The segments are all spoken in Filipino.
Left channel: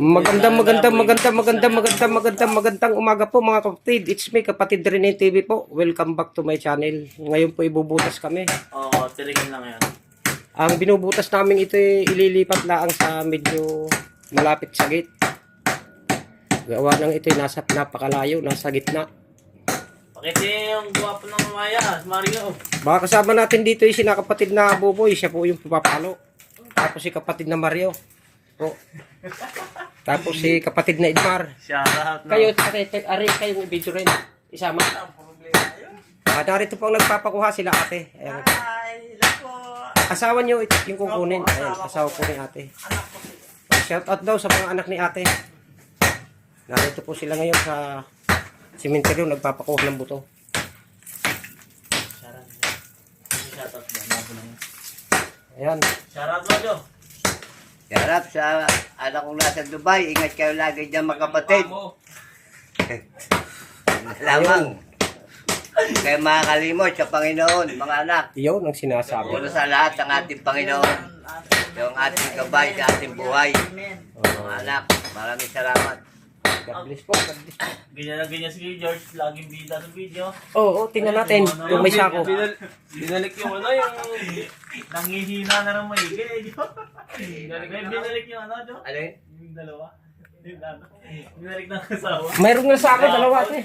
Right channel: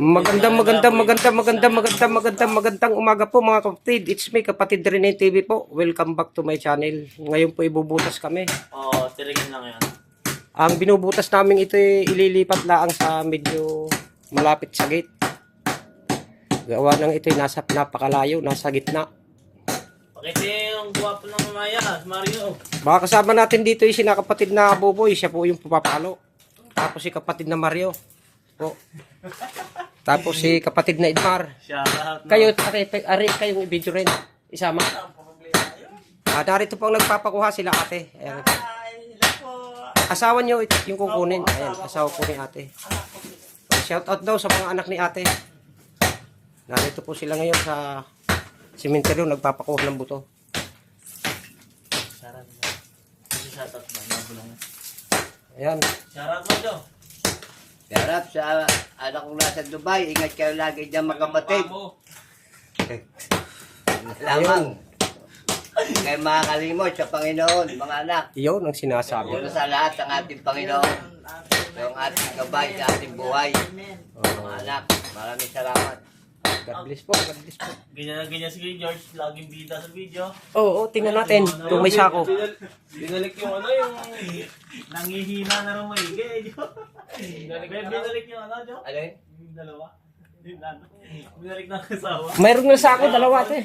Magandang magandang magandang magandang magandang magandang magandang umaga po mga kapatid. It's me kapatid Rene TV po. Welcome back to my channel. Ngayon po ibubutas kami. Oo, tirigin lang yan. Ang binubutas namin ito ay ililipat laang sa medyo malapit sa gate. Gawa ng ito ay nasa napakalayo, nasa gitna. Pakiti yung guwapo ng mamaya, Mario. Baka kasama natin dito yung sinakapatid na Boboy. Siya po yung papapalo. Tapos si kapatid na Mario. Po. Tapos si kapatid na Idmar. Shout out. no? Kayo, ari, ari kayo video rin. Isama. Ah, narito po ang nagpapakuha sila ate. Ayan. Asawa niyo ito, yung kukunin. Ayan, asawa po ni ate. Shout out daw sa mga anak ni ate. Narito po sila ngayon sa simenteryo nagpapakuha ng buto. Ayan. Shout out, Rojo. Yarap sa anak kong nasa Dubai, ingat kayo lagi dyan mga kapatid. Lamang. Kayo makakalimot sa Panginoon, mga anak. Iyon ang sinasabi. Una sa lahat ang ating Panginoon. Yung ating gabay sa ating buhay. Mga anak, maraming salamat. God bless po. God bless po. Ganyan na ganyan si George. Laging bida sa video. Oo, oo, tingnan natin kung may sako. Binalik yung ano, yung nangihina na ng maigi. Binalik, binalik yung ano, Jo? Ano yun? Yung dalawa. Ano, Binalik ng kasawa. Mayroon nga sako, dalawa ate.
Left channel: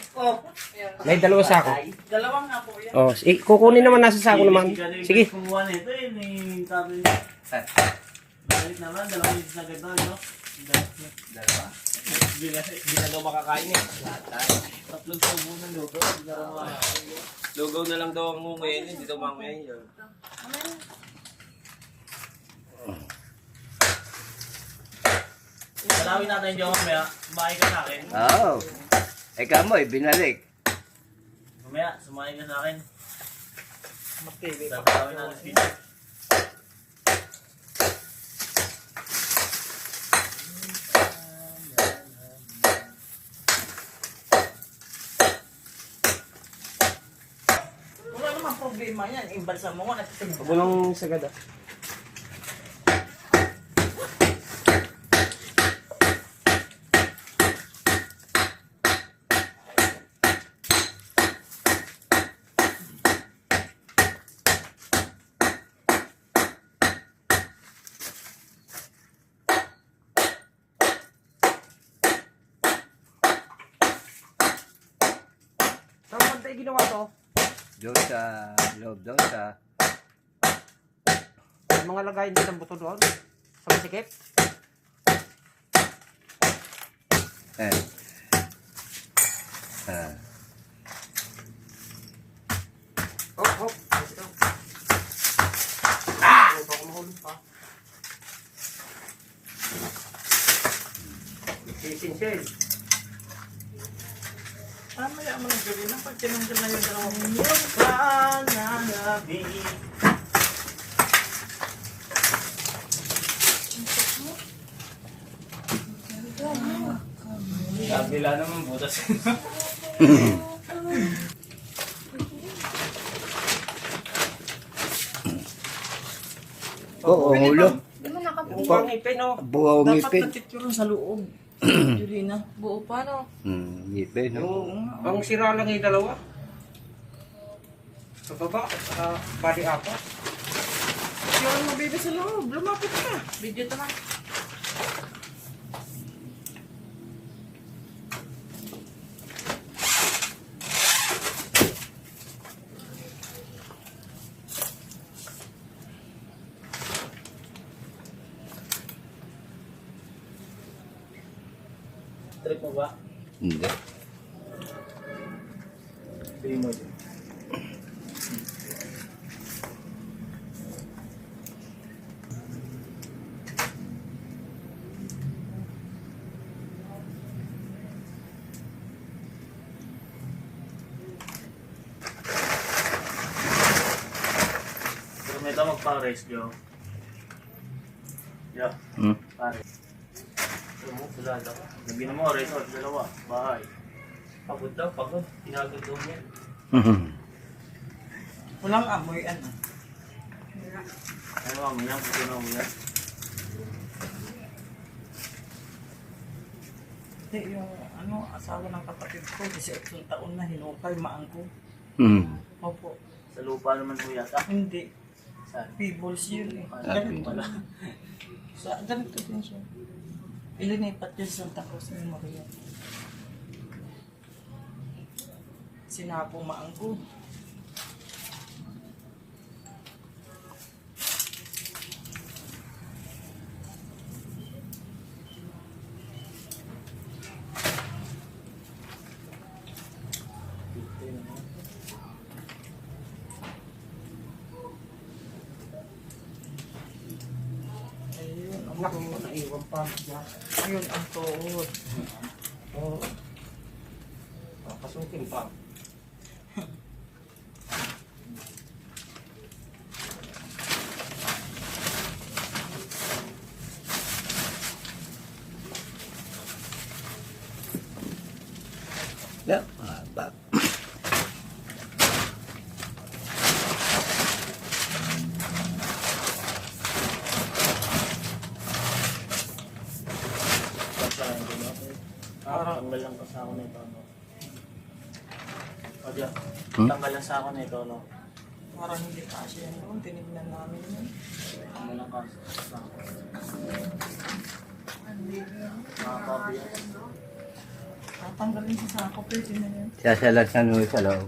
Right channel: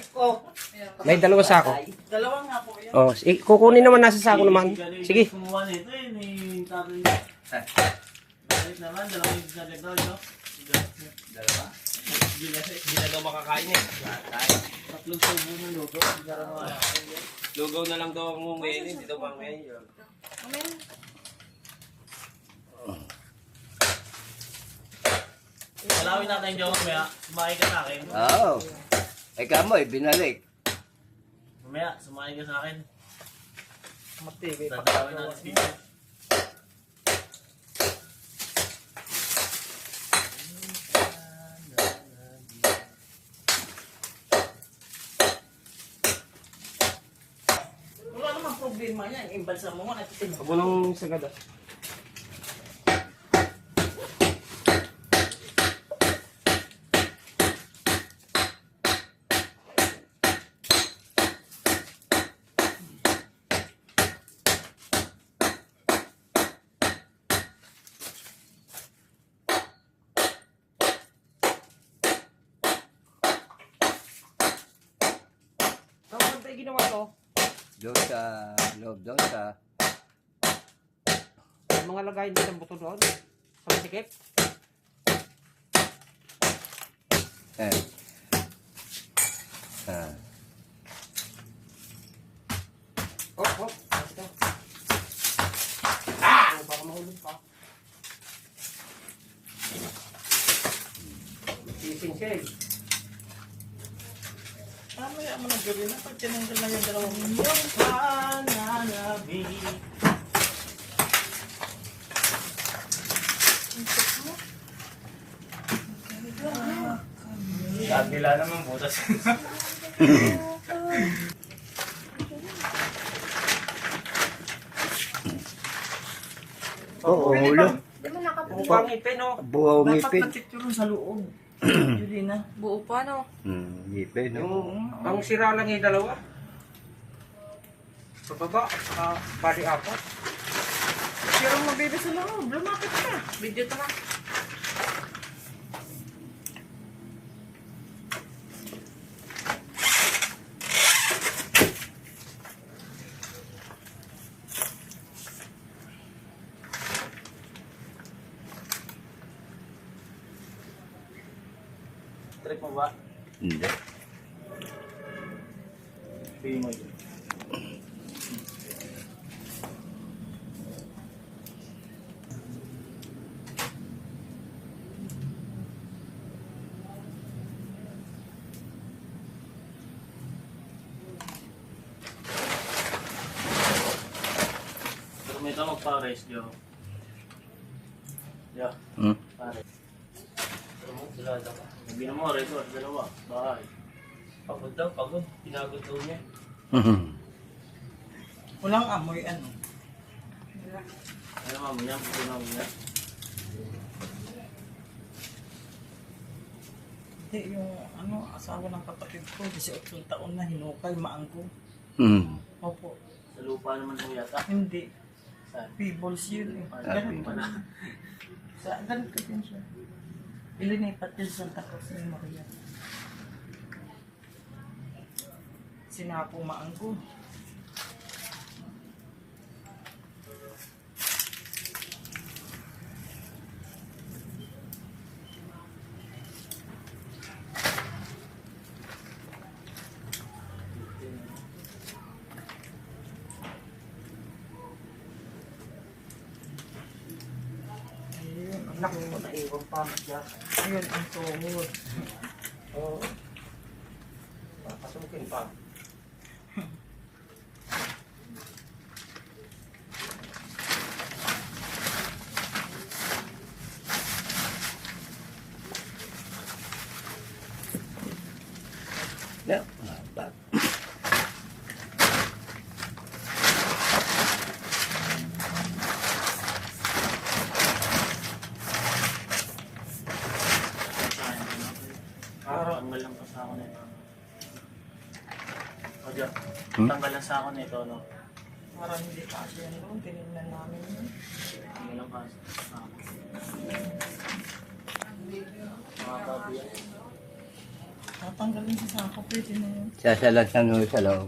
May dalawa sako. Dalawa nga po yan. Oh, kukunin naman nasa sako naman. Sige. Kumuha nito eh, ni niya. Balik naman, dalawa yung sagad daw, no? Dalawa. Hindi na, hindi na daw makakain eh. Tatlong subo ng luto. Hindi na daw makakain. Lugaw na lang daw ang mungayin, hindi daw mangayin yun. Dalawin natin yung mamaya. Sumakay ka sa akin. Oo. Ikaw mo, eh, binalik. Mamaya, sumakay ka sa akin. Tatawin natin video. Wala problema yan. Imbalsa mo nga, natitingin. Huwag mo nang sagad ah. Ginawa to? Doon sa loob, doon sa... May mga lagayin din ng buto doon. Sa masikip. Eh. Ah. Oh, oh. Ito. Ah! Baka mahulog pa. Sisinsin. Mamaya mo lang gawin na pag tinanggal lang yung dalawang yung pananabi. Kabila naman butas. Oo, ang ulo. Pang ipin, oh. Buhaw ngipin. Picture sa loob. Julina. Buo pa, no? Hmm, ngipin, no? Yung, ang sira lang yung dalawa. Sa baba, sa body apat. Kaya ang mabida sa loob. Lumapit ka. Video to na. Trip mo ba? Hindi. Tingin mo yun. Pero may pares, Jo. Jo, Hmm? pares. Sila dalawa. Sabi na mo, resort, dalawa, bahay. Pagod daw, pagod. Pinagod daw niya. Walang amoy, ano. Ay, ma'am, yan, puto na yan. Hindi, yung ano, asawa ng kapatid ko, 18 taon na hinukay, maangko. Hmm. Opo. Sa lupa naman po yata. Hindi. Saan? People's yun eh. Ah, Ganun. Sa, ganito din siya. Ilinipat yun sa Santa Cruz ni Maria. Sinapong maangko. Ayun, ang Naku, tuhod. Naiwan pa. Diyan. Ayun, ang tuhod. Oo. Papasukin pa. Yeah. mahaba. Saan Ah, tanggal lang sa ako nito. No? O, Diyan. Hmm? Tanggal lang sa ako nito, no? Parang hindi kasi yan doon. Tinignan namin yun. Ano lang kasi sa ako. Mga kabi yan. Tatanggalin sa sako, pwede na yun. Sasalasan mo sa loob.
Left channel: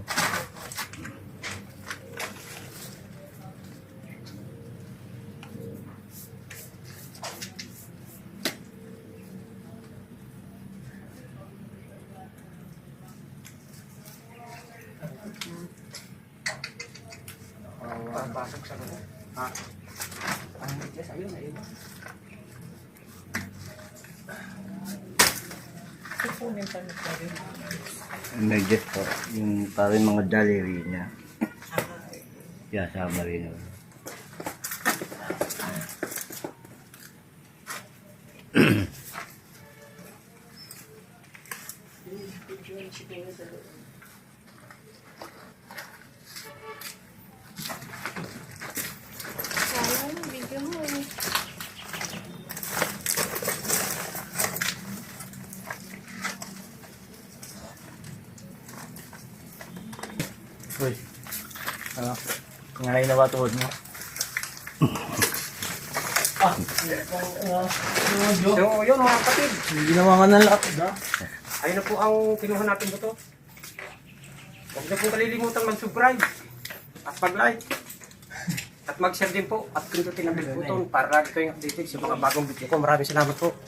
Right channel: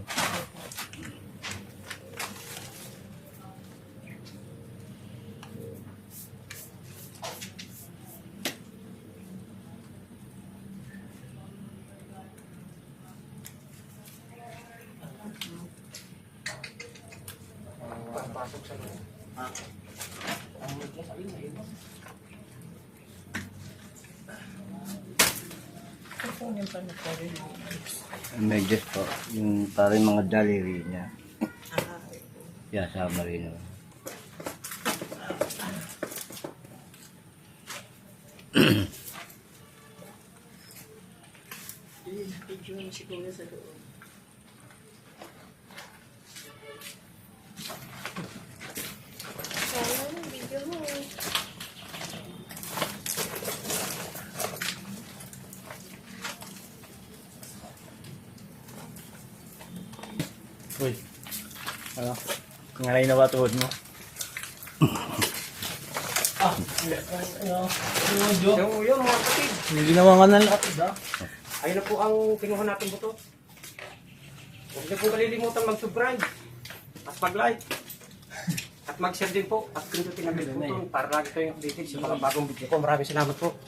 Ha? Ang medyas, ayun, naiwan. Medyas po. Yung parang mga daliri niya. Ah, Yeah, sama rin. naman. video ni siguro sa. Uy. Ano? Ngayon na ba tuhod mo? ah, uh, medyo. So, yun mga kapatid. Ginawa nga ng lapid, ha? Ayun na po ang kinuha natin buto. Huwag niyo pong kalilimutan mag-subscribe at mag-like. At mag-share din po at pindutin ang bell button para lagi kayong updated sa mga bagong video ko. Maraming salamat po.